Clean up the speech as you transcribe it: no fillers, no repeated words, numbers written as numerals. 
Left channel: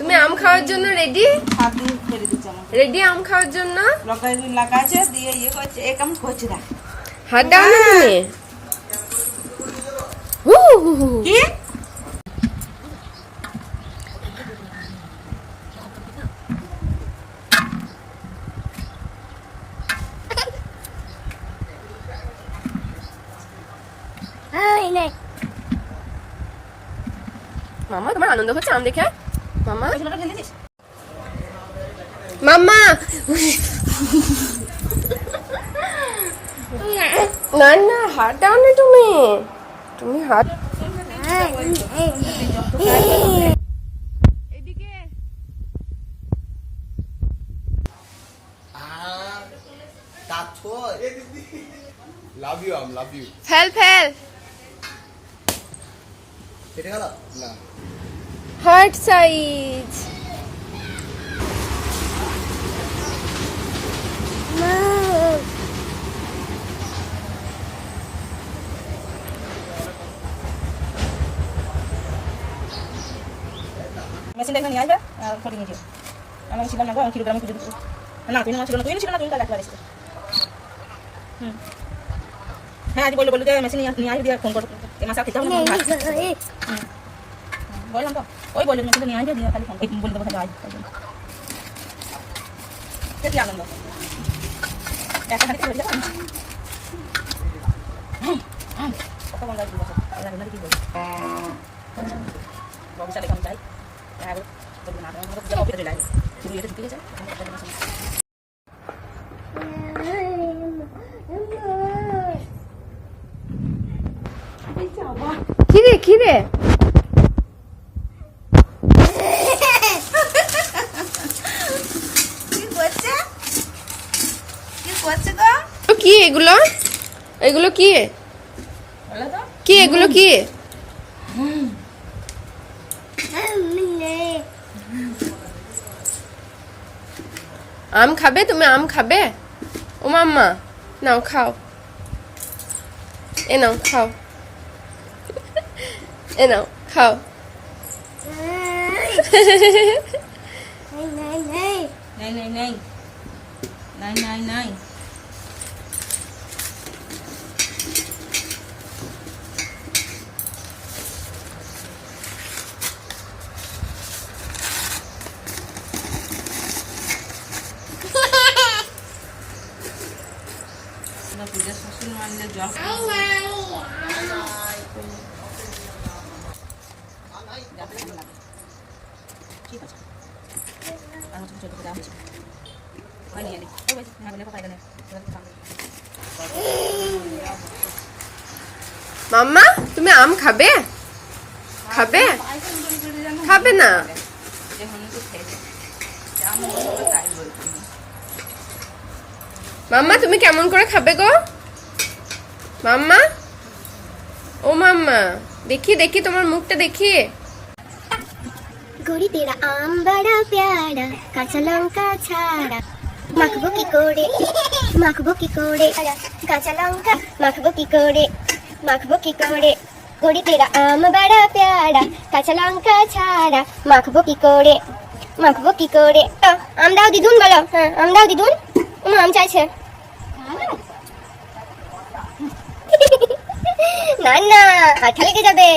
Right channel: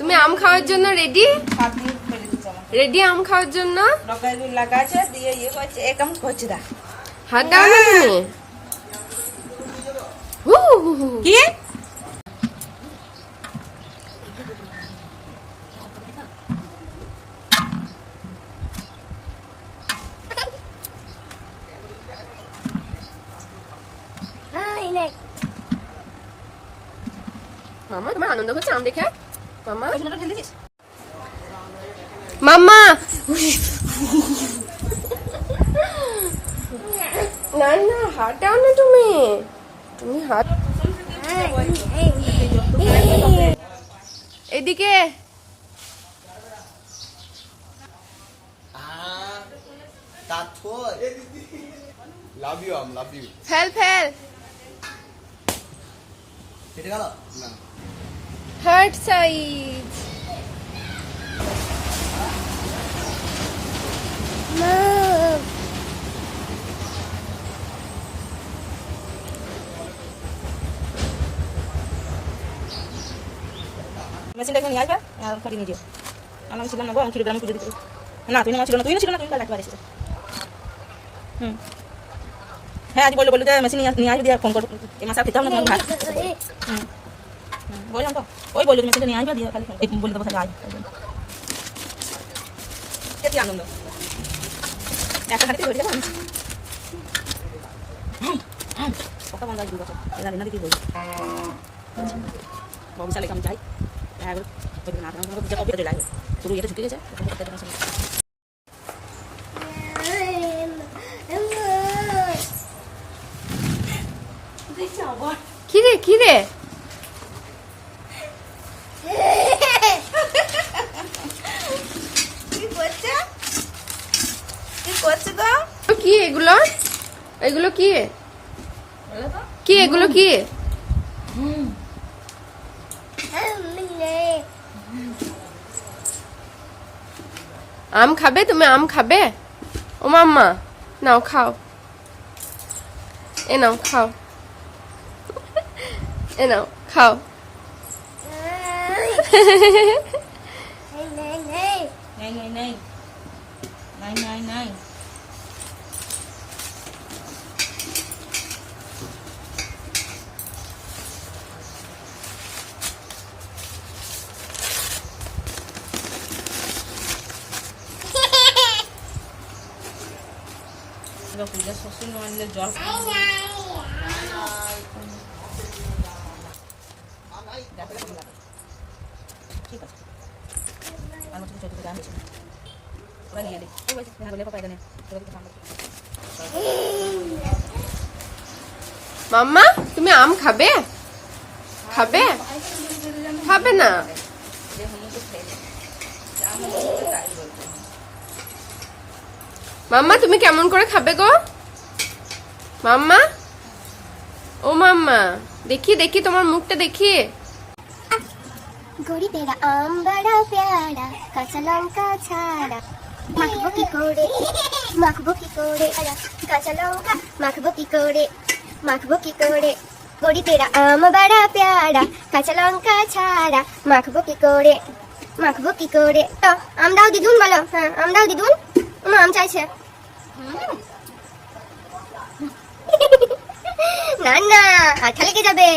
তুমি আম খাওয়ার জন্য রেডি? রেডি আম খাওয়ার জন্য? লাগাছে দিয়ে ইয়ে করছে এক আম করছে না। হাত দাও না তুমি। কি মামা তোমার আনন্দ হচ্ছে আম দেখে? মামা মামা না না হাত দাও না তুমি। তুমি হাত এদিকে love you um love you ফেল ফেল কেটে গেল না হার্ট সাইজ মেশিনটা এখানে নিয়ে আসবে আর ফটো নিয়ে যাও। আমি ছিলাম না গো, আমি ছিল আমি পুজো দিতে। না তুই ছিল না, তুই ছিল না, তুই কাল একবার এসেছিস। হ্যাঁ আজ বললো যে মেশিন নিয়ে আসবে দিয়ে ফোন করবো এই মাসে খেতে হবে না বললাম তো ওই বললো মেশিনটা নিয়ে আসবে দিয়ে খালি ফোন বলে দেবো তাহলে আয় কি আনন্দ একটা খানিতে হয়ে যাবে কত বন্ধ দিব জানি না কি বলবো বিশালে কাম চাই শুরু এটা ছুটে গেছে কিরে কিরে কি এগুলো? এগুলো কি? কি এগুলো কি? আম খাবে তুমি? আম খাবে? ও মাম্মা নাও খাও, এ নাও খাও, এ নাও খাও। নাই পূজা শ্বশুর আনলে জল ঠিক আছে মাম্মা তুমি আম খাবে? খাবে? খাবে না? মাম্মা তুমি কেমন করে খাবে গো? মাম্মা ও মাম্মা দেখি দেখি তোমার মুখটা দেখি। গড়ি তেরা আম বড়া প্যারা কাঁচা লঙ্কা ছাড়া মাখবো কি করে কাঁচা লঙ্কা মাখবো কি করে গড়ি তেরা আম বড়া প্যারা কাঁচা লঙ্কা ছাড়া মাখবো কি করে আম দাও দিদুন বলো। হ্যাঁ আম দাও দিদুন, আম চাইছে না না হাত লেগে যাবে।